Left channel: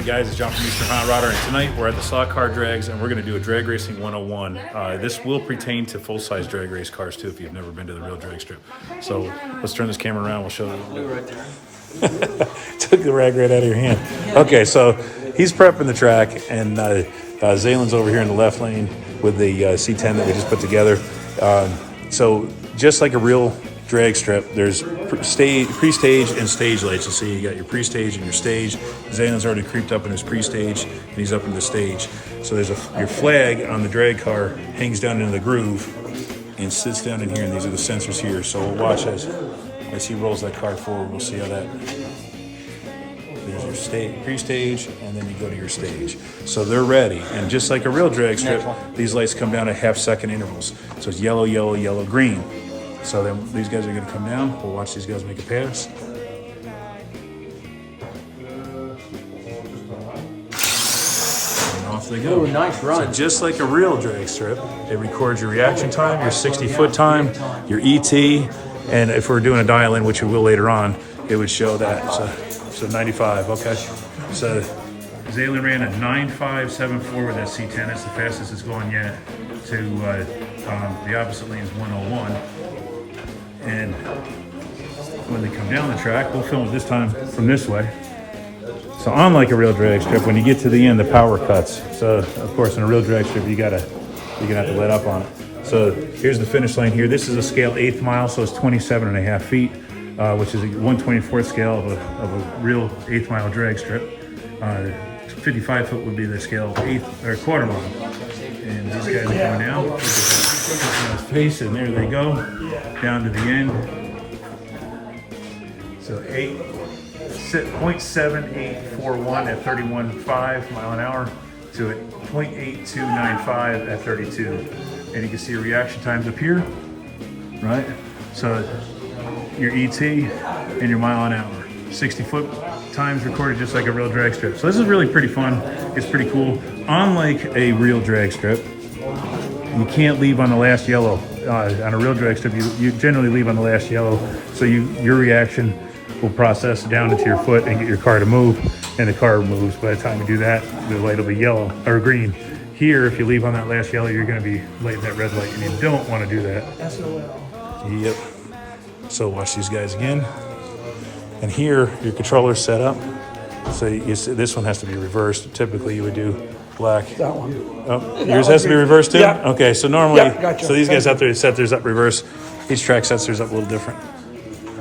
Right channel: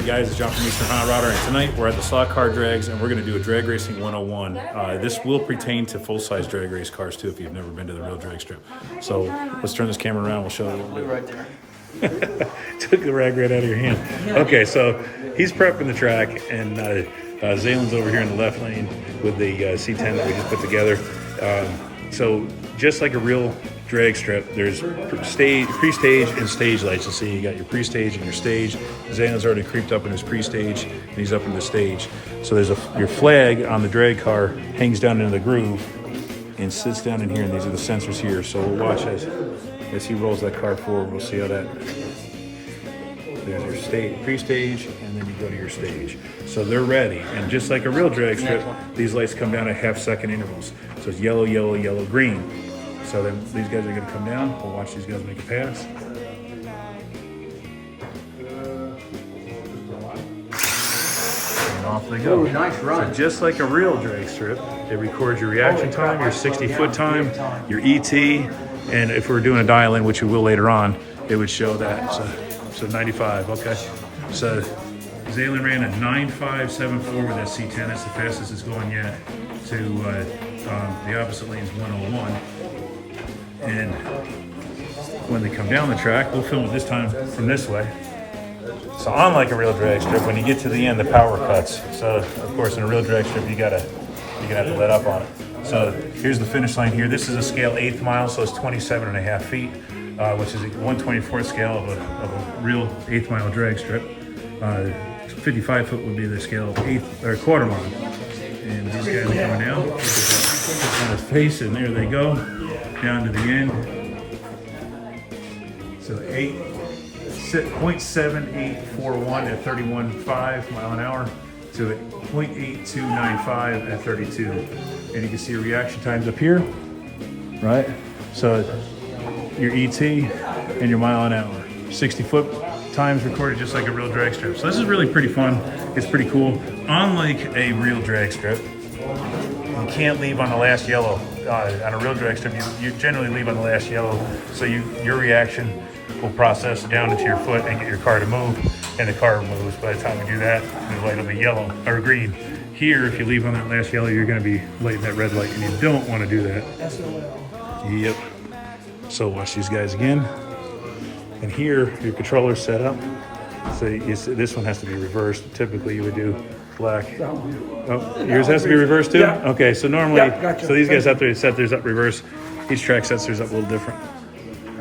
Hey guys, it's John from Eastern Hot Rodder, and tonight we're at the Slot Car Drags, and we're going to do a Drag Racing 101. This will pertain to full-size drag race cars too, if you've never been to the real drag strip. So let's turn this camera around. We'll show you what we'll do. Right there. Took the rag right out of your hand. Okay, so he's prepping the track, and Zaylen's over here in the left lane with the C10 that we just put together. So just like a real drag strip, there's pre-stage and stage lights. You'll see you got your pre-stage and your stage. Zaylen's already creeped up in his pre-stage, and he's up in the stage. So there's your flag on the drag car hangs down into the groove and sits down in here, and these are the sensors here. So we'll watch as he rolls that car forward. We'll see how that. There's your stage, pre-stage, and then you go to your stage. So they're ready, and just like a real drag strip, these lights come down at half-second intervals. So it's yellow, yellow, yellow, green. So then these guys are going to come down. We'll watch these guys make a pass. And off they go. Ooh, nice run. So just like a real drag strip, it records your reaction time, your 60-foot time, your ET, and if we're doing a dial-in, which we will later on, it would show that. So 95, okay. So Zaylen ran a 9.574 with that C10. That's the fastest it's going yet. To the opposite lane is 101. And when they come down the track, we'll film it this time from this way. So unlike a real drag strip, when you get to the end, the power cuts. So of course, in a real drag strip, you're gonna have to let up on it. So here's the finish line here. This is a scale 1/8 mile, so it's 27.5 feet, which is a 1/24 scale of a real 1/8 mile drag strip. 55 foot would be the scale 1/8 or 1/4 mile. And these guys are going down. Look at his face, and there they go. Down to the end. So 0.7841 at 31.5 mile an hour to 0.8295 at 32. And you can see reaction times up here, right? So your ET and your mile an hour. 60-foot times recorded just like a real drag strip. So this is really pretty fun. It's pretty cool. Unlike a real drag strip, you can't leave on the last yellow. On a real drag strip, you generally leave on the last yellow, so your reaction will process down into your foot and get your car to move, and the car moves. By the time we do that, the light will be yellow or green. Here, if you leave on that last yellow, you're going to be lighting that red light, and you don't want to do that. SOL. Yep. So watch these guys again. And here, your controller's set up. So this one has to be reversed. Typically, you would do black. Oh, yours has to be reversed too? Yeah. Okay, so normally, gotcha. So these guys have to set theirs up reverse. Each track sets theirs up a little different.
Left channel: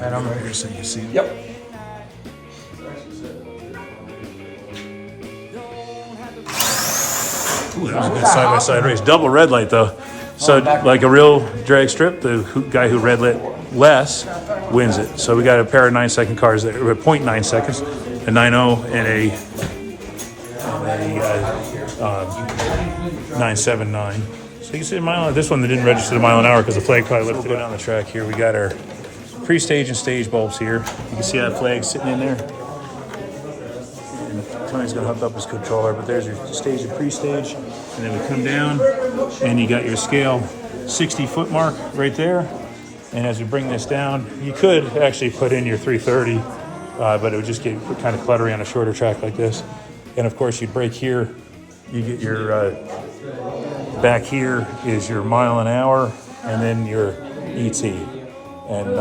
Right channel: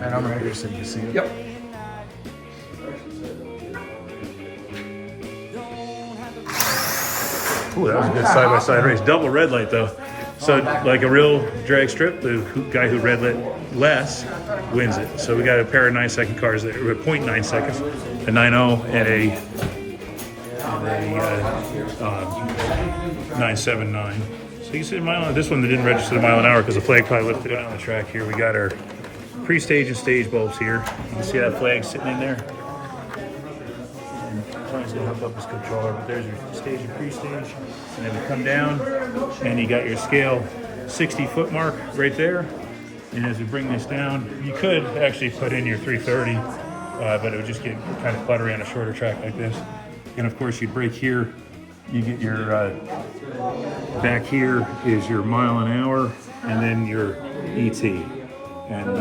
And I'm ready. Here, so you can see it. Yep. Ooh, that was a good side-by-side race. Double red light though. So like a real drag strip, the guy who red lit less wins it. So we got a pair of 9-second cars that were 0.9 seconds, a 9.0 and a 9.79. So you can see a mile. This one that didn't register the mile an hour because the flag probably lifted it on the track. Here we got our pre-stage and stage bulbs here. You can see that flag sitting in there. And Tony's gonna hook up his controller, but there's your stage and pre-stage. And then you come down and you got your scale 60-foot mark right there. And as we bring this down, you could actually put in your 330, but it would just get kind of cluttery on a shorter track like this. And of course, you break here, you get your, back here is your mile an hour, and then your ET. And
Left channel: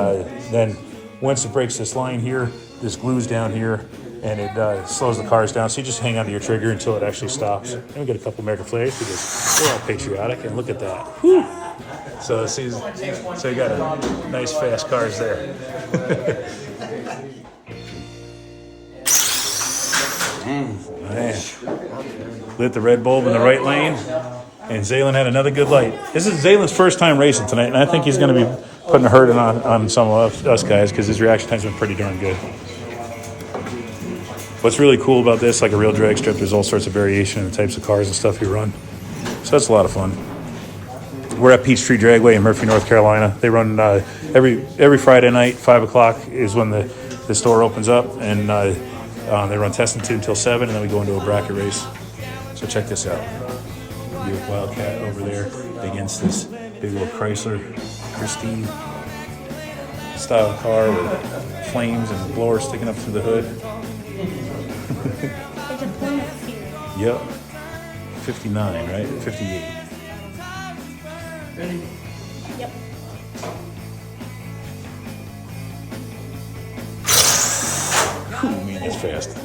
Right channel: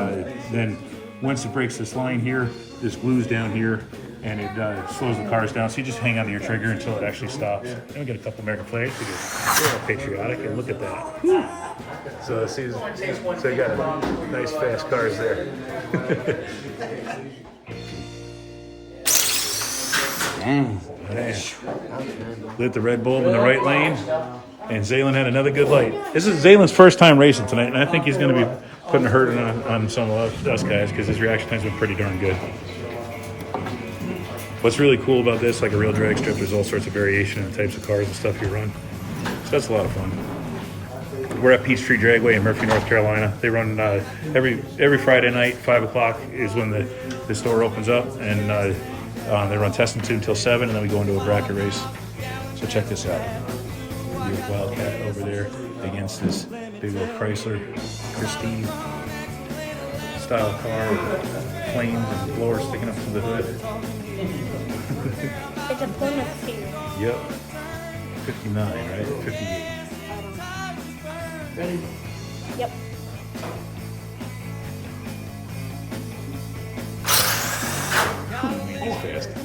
then once it breaks this line here, this glues down here, and it slows the cars down. So you just hang onto your trigger until it actually stops. And we get a couple American flags because we're all patriotic, and look at that. Whew. So you got nice fast cars there. Man. Lit the red bulb in the right lane, and Zaylen had another good light. This is Zaylen's first time racing tonight, and I think he's going to be putting a hurting on some of us guys because his reaction time's been pretty darn good. What's really cool about this, like a real drag strip, there's all sorts of variation in the types of cars and stuff you run. So that's a lot of fun. We're at Peachtree Dragway in Murphy, North Carolina. They run every Friday night, 5 o'clock is when the store opens up, and they run testing until 7, and then we go into a bracket race. So check this out. Your Wildcat over there against this big old Chrysler Christine style car with flames and blowers sticking up through the hood. Yep. 59, right? 58. Ready? Yep. It's fast. Look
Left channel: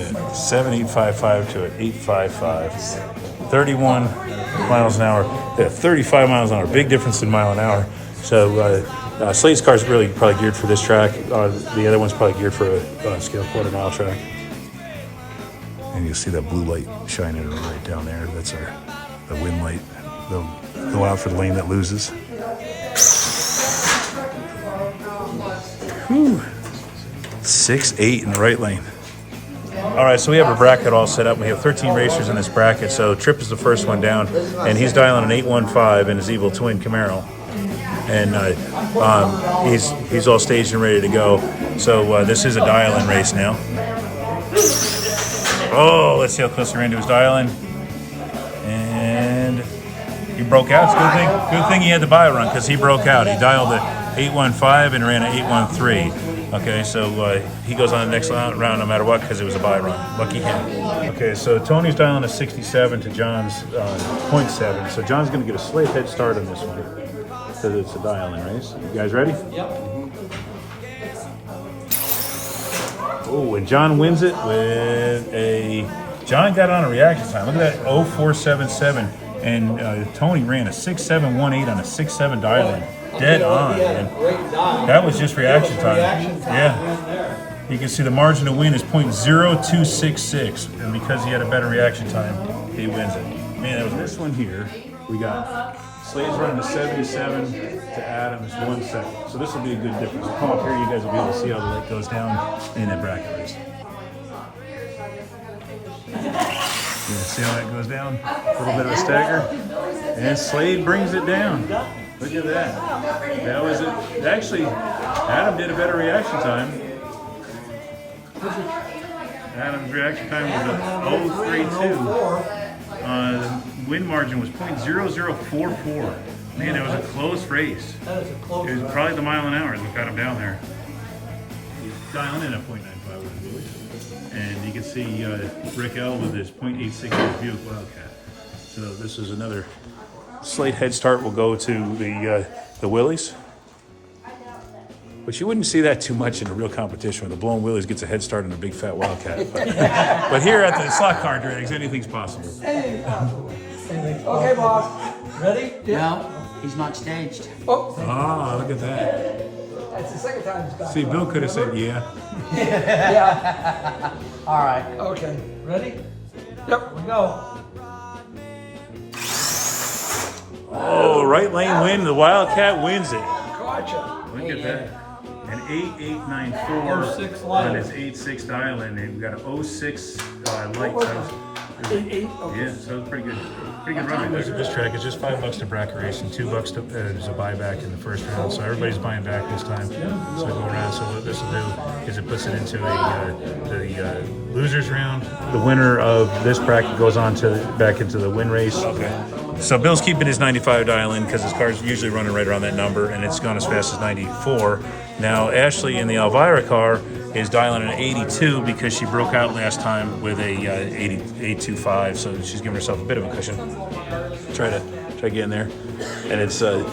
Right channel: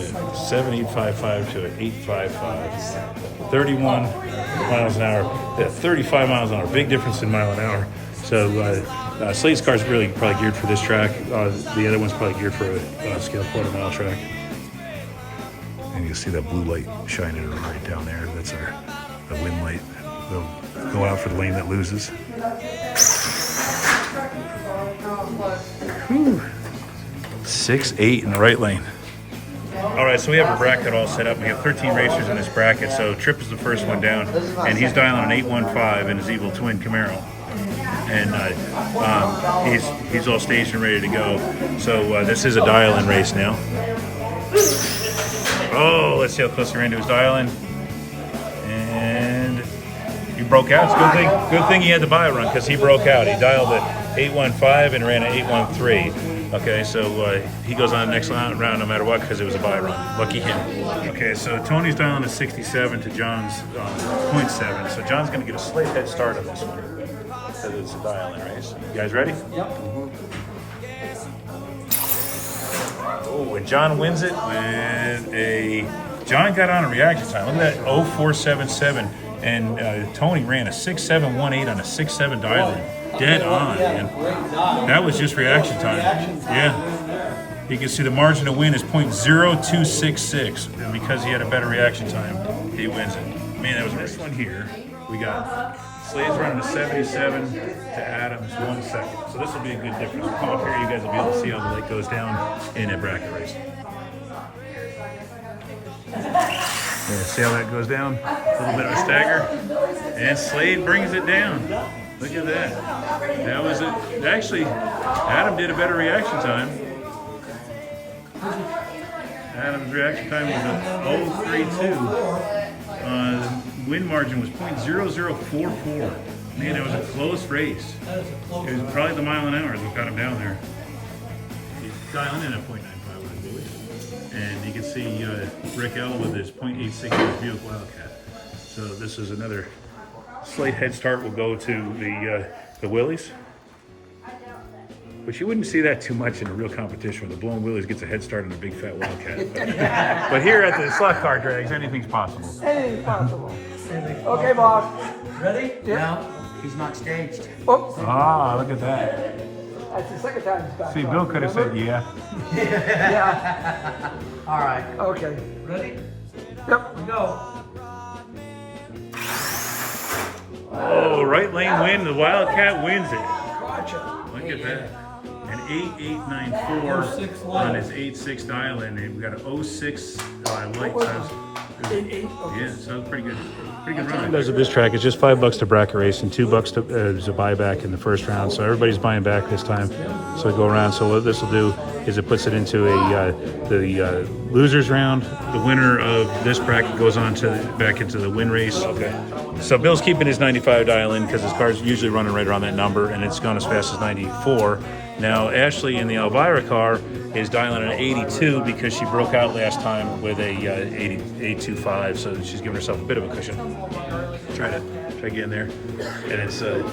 at that. 7855 to an 855. 31 miles an hour. Yeah, 35 miles an hour. Big difference in mile an hour. So Slade's car is really probably geared for this track. The other one's probably geared for a scale quarter-mile track. And you'll see that blue light shining right down there. That's the wind light. They'll go out for the lane that loses. Whew. 6-8 in the right lane. All right, so we have a bracket all set up. We have 13 racers in this bracket. So Tripp is the first one down, and he's dialing an 815 in his evil twin Camaro. And he's all staged and ready to go. So this is a dial-in race now. Oh, let's see how close he ran to his dial-in. And he broke out. It's a good thing he had the buy run because he broke out. He dialed at 815 and ran at 813. Okay, so he goes on the next round no matter what because it was a buy run. Lucky him. Okay, so Tony's dialing a 67 to John's 0.7. So John's going to get a slight head start in this one. So it's a dial-in race. You guys ready? Yep. Oh, and John wins it with John got on a reaction time. Look at that, 0477. And Tony ran a 6718 on a 67 dial-in. Dead on, man. That was just reaction time. Yeah. You can see the margin to win is .0266. And because he had a better reaction time, he wins it. Man, that was this one here. We got Slade's running a 77 to Adam's 1 second. So this will be a good difference. Come up here, you guys will be able to see how the light goes down in a bracket race. Yeah, see how that goes down? A little bit of a stagger. And Slade brings it down. Look at that. That was it. Actually, Adam did a better reaction time. Adam's reaction time was a 032. Win margin was .0044. Man, it was a close race. That is a close It was one. probably the mile an hour that got him down there. He's dialing in at .95 with it. And you can see Rick L with his .86 Buick Wildcat. So this is another slight head start. Will go to the Willies. But you wouldn't see that too much in a real competition where the blown Willies gets a head start on a big fat Wildcat. But here at the slot car drags, anything's possible. Anything's possible. Okay, boss. Ready? No, he's not staged. Oh, Ah, look at that. that's the second time it's back. See, Bill could have said yeah. Yeah. All right. Okay. Ready? Yep. Go. Oh, right lane win. The Wildcat wins it. Gotcha. Look at that. An 8894 06 light. and it's 86 dial in. They've got an 06 light. So, 8-8. yeah, so pretty good run. Does at this track, it's just $5 to bracket race and $2 to as a buyback in the first round. So everybody's buying back this time. So we go around. So what this will do is it puts it into the losers round. The winner of this bracket goes on to back into the win race. Okay. So Bill's keeping his 95 dial in because his car's usually running right around that number, and it's gone as fast as 94. Now Ashley in the Elvira car is dialing an 82 because she broke out last time with a 825, so she's giving herself a bit of a cushion. Try to get in there, and it's so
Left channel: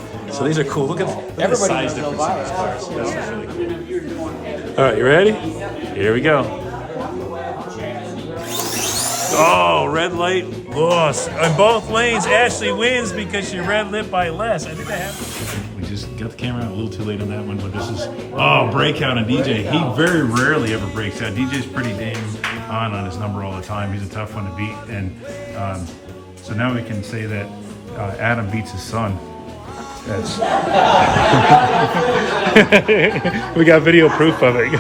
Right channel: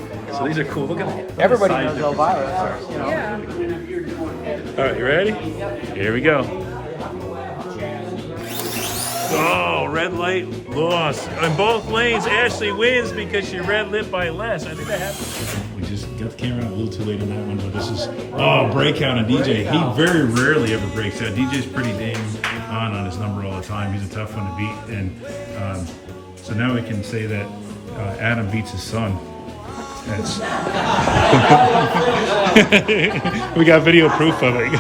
these are cool. Look at the size difference in these cars. This is really cool. All right, you ready? Here we go. Oh, red light loss. In both lanes, Ashley wins because she red lit by less. I think that happened. We just got the camera out a little too late on that one, but this is, breakout on DJ. He very rarely ever breaks out. DJ's pretty dang on his number all the time. He's a tough one to beat. And so now we can say that Adam beats his son. That's we got video proof of it.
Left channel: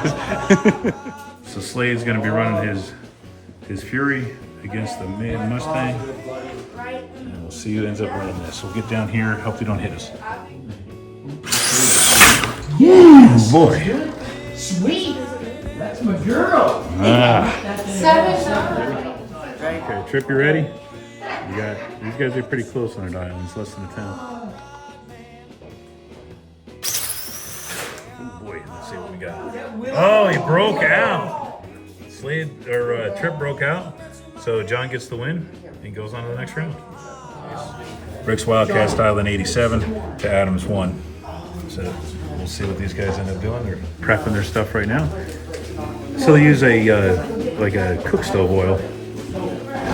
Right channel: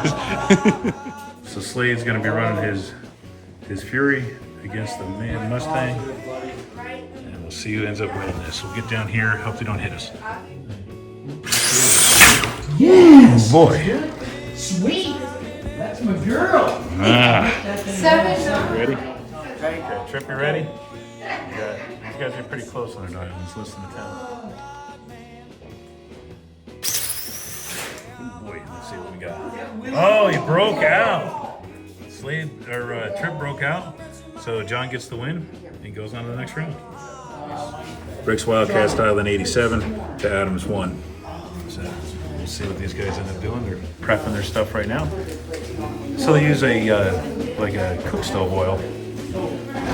So Slade's going to be running his Fury against the Mustang. And we'll see who ends up winning this. We'll get down here, hope they don't hit us. Yes. Oh boy. Sweet. That's my girl. Ah. Seven. Ready? Okay, Tripp, you ready? Yeah. These guys are pretty close on their diamonds, less than a 10. Oh boy, let's see what we got. Oh, he broke out. Slade or Trip broke out, so John gets the win. He goes on to the next round. Rick's Wildcat style in 87 to Adams 1. So we'll see what these guys end up doing. They're prepping their stuff right now. So they use like a cook stove oil,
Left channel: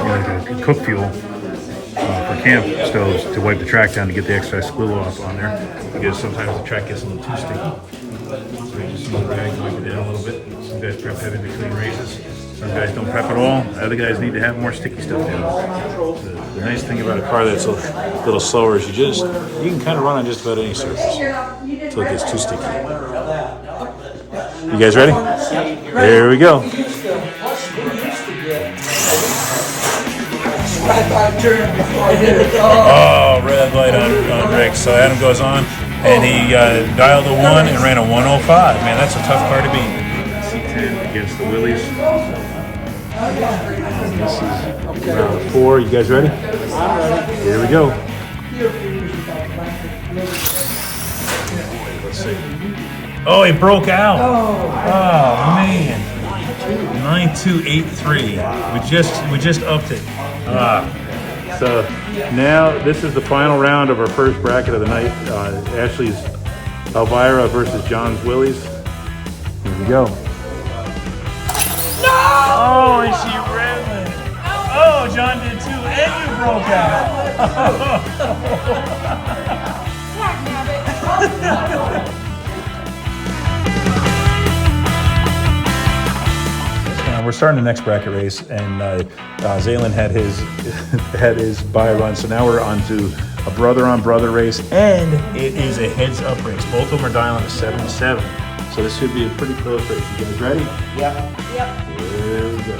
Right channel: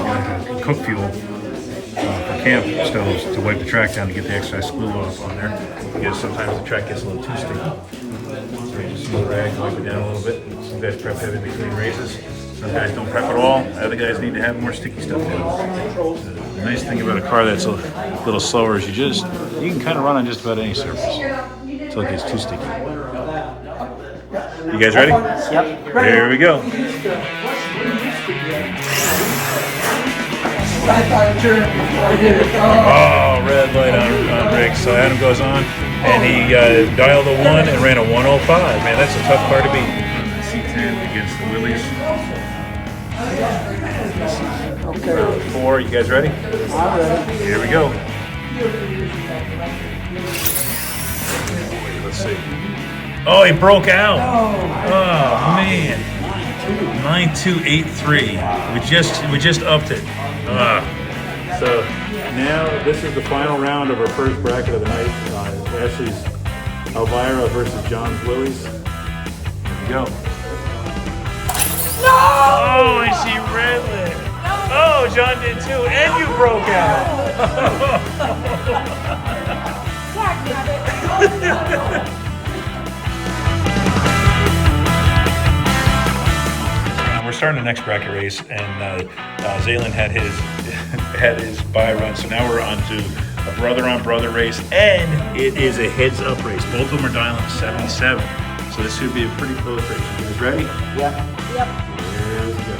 like a cook fuel for camp stoves to wipe the track down to get the excess glue off on there. Because sometimes the track gets a little too sticky. So you just use a rag, wipe it down a little bit. Some guys prep heavy between races. Some guys don't prep at all. Other guys need to have more sticky stuff in. The nice thing about a car that's a little slower is you can kind of run on just about any surface until it gets too sticky. You guys ready? Yep. There we go. Oh, red light on Rick. So Adam goes on, and he dialed a 1 and ran a 105. Man, that's a tough car to beat. Against the Willies. This is 4. You guys ready? I'm ready. Here we go. Let's see. Oh, he broke out. Oh man. 9283. We just upped it. So now this is the final round of our first bracket of the night. Ashley's Elvira versus John's Willies. Here we go. No! Oh, I see Redland. Oh, John did too, and you broke out. We're starting the next bracket race, and Zaylen had his had his bye run, so now we're on to a brother-on-brother race, and it is a heads-up race. Both of them are dialing 7-7, so this should be a pretty close race. You guys ready? Yep. Here we go.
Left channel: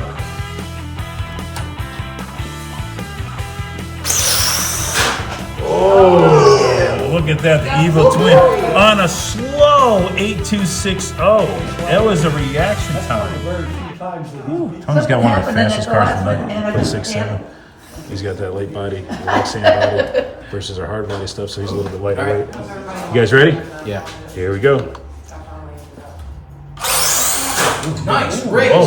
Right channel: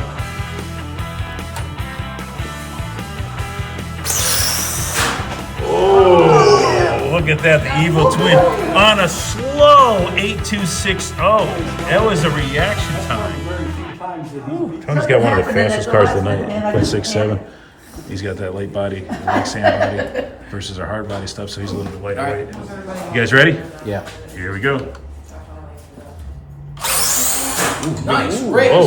Oh, look at that, the evil twin on a slow 8260. That was a reaction time. Tony's got one of the fastest cars of the night. Play 6.7. He's got that light body, relaxing body versus our hard body stuff, so he's a little bit lighter weight. You guys ready? Yeah. Here we go. Nice race. Oh,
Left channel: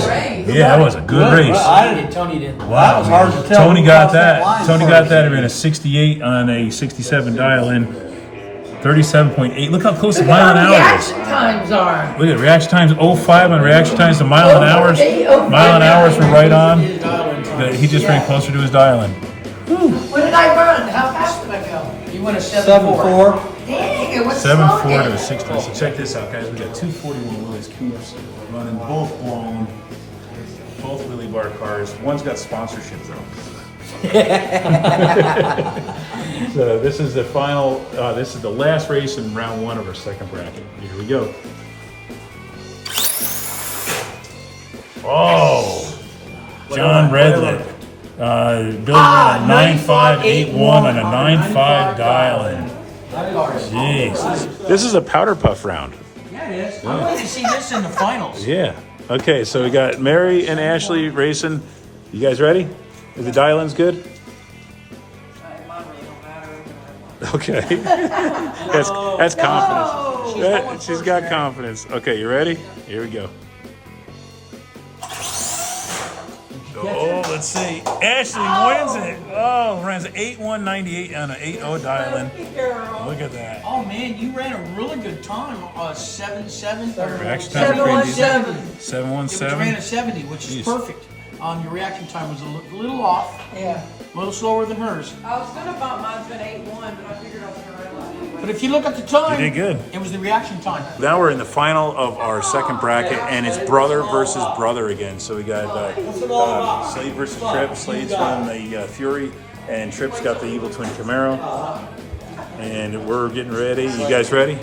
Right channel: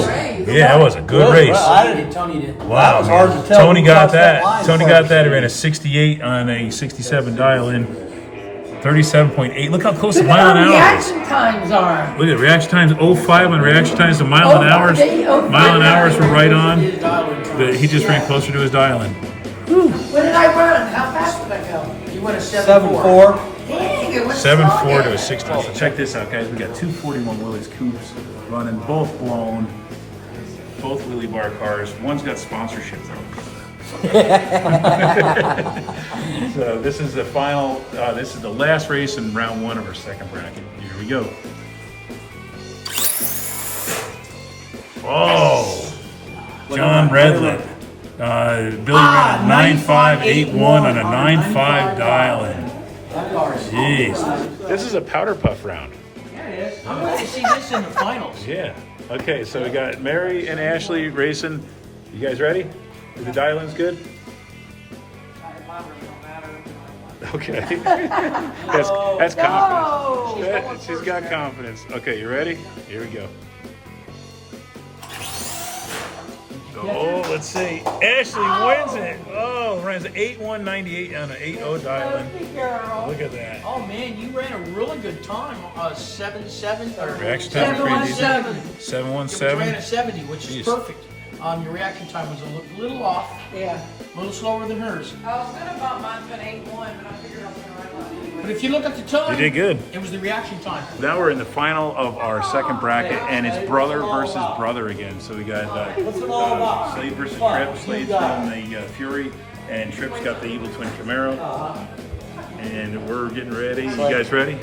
yeah, that was a good race. Tony did. Wow, That was hard to tell. Tony got that. line Tony got first. that. He ran a 68 on a 67 dial in. 37.8. Look how close to mile an hour is. Times are. Look at reaction times 05 on reaction times to mile an hour. Mile an hour were right on. He just ran closer to his dial in. What did I run? How fast did I go? You went a 7-4. Dang, it was 7.4 to a 6. So check this out, guys. We got 241 Willys Coupes running, both blown, both Willy Bar cars. One's got sponsorship though. So this is the final. This is the last race in round 1 of our second bracket. Here we go. Oh, John Redlet. Billy ran a 9581 on a 95 dial-in. Jeez, this is a powder puff round. Yeah, it is. I'm glad to see this in the finals. Yeah. Okay, so we got Mary and Ashley racing. You guys ready? Is the dial-ins good? Okay. That's confidence. She's got confidence. Okay, you ready? Here we go. Oh, let's see. Ashley wins it. Oh, runs 8198 on an 80 dial-in. Look at that. Oh man, you ran a really good time. 7-7. Reaction times are pretty decent. 717. Ran a 70, which is perfect. Your reaction time was a little off. Yeah. A little slower than hers. I was gonna thought mine's been 8-1, but I figured I was gonna run off. But if you look at the time, You did good. It was the reaction time. Now we're in the final of our second bracket, and it's brother versus brother again. So we got Slade versus Tripp. Slade's running the Fury, and Tripp's got the Evil Twin Camaro. And we're getting ready. You guys ready?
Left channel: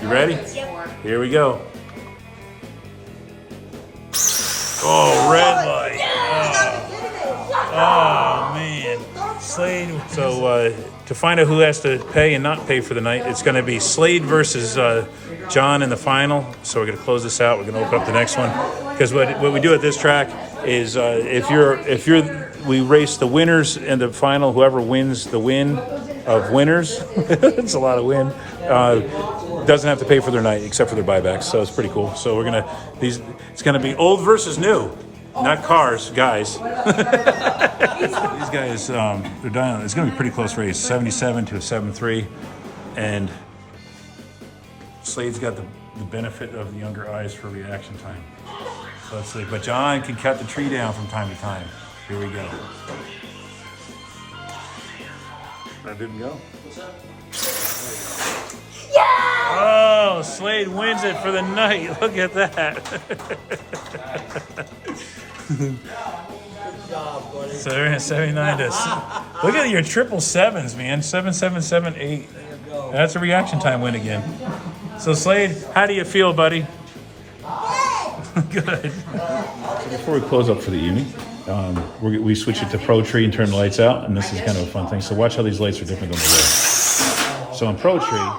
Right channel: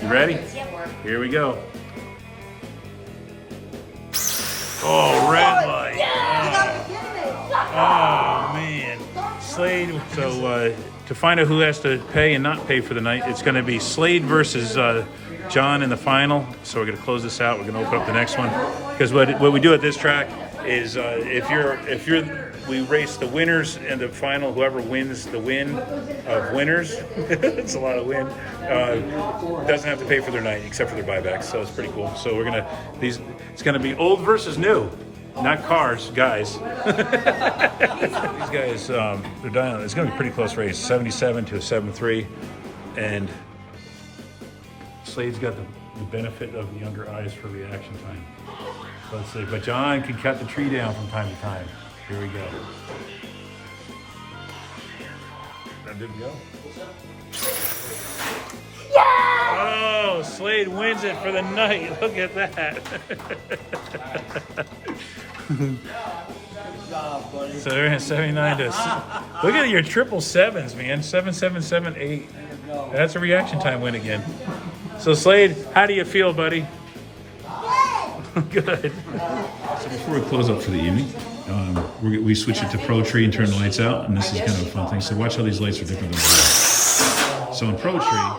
You ready? Here we go. Oh, red light. Oh man. Slade. So to find out who has to pay and not pay for the night, it's going to be Slade versus John in the final. So we're going to close this out. We're going to open up the next one, because what we do at this track is we race the winners in the final. Whoever wins the win of winners, it's a lot of win, doesn't have to pay for their night except for their buybacks. So it's pretty cool. So it's gonna be old versus new. not cars, guys. These guys, they're dying. It's going to be a pretty close race, 77 to a 7-3, and Slade's got the benefit of the younger eyes for reaction time. So let's see. But John can cut the tree down from time to time. Here we go. That didn't go. Oh, Slade wins it for the night. Look at that. 79 to. Look at your triple sevens, man. 7, 7, 7, 8. That's a reaction time win again. So Slade, how do you feel, buddy? Good. So before we close up for the evening, we switch it to Peachtree and turn the lights out, and this is kind of a fun thing. So watch how these lights are different than the rest. So in Peachtree.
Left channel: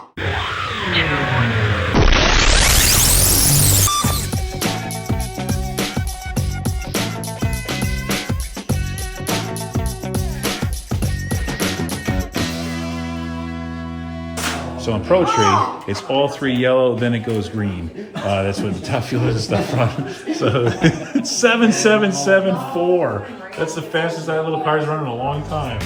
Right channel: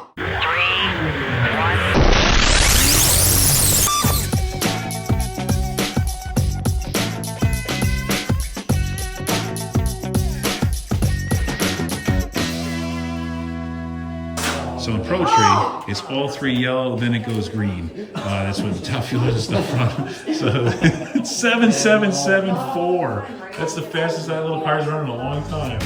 So in Peachtree, it's all 3 yellow, then it goes green. That's what the top fuel is and stuff from. So it's 7774. That's the fastest that little car's run in a long time.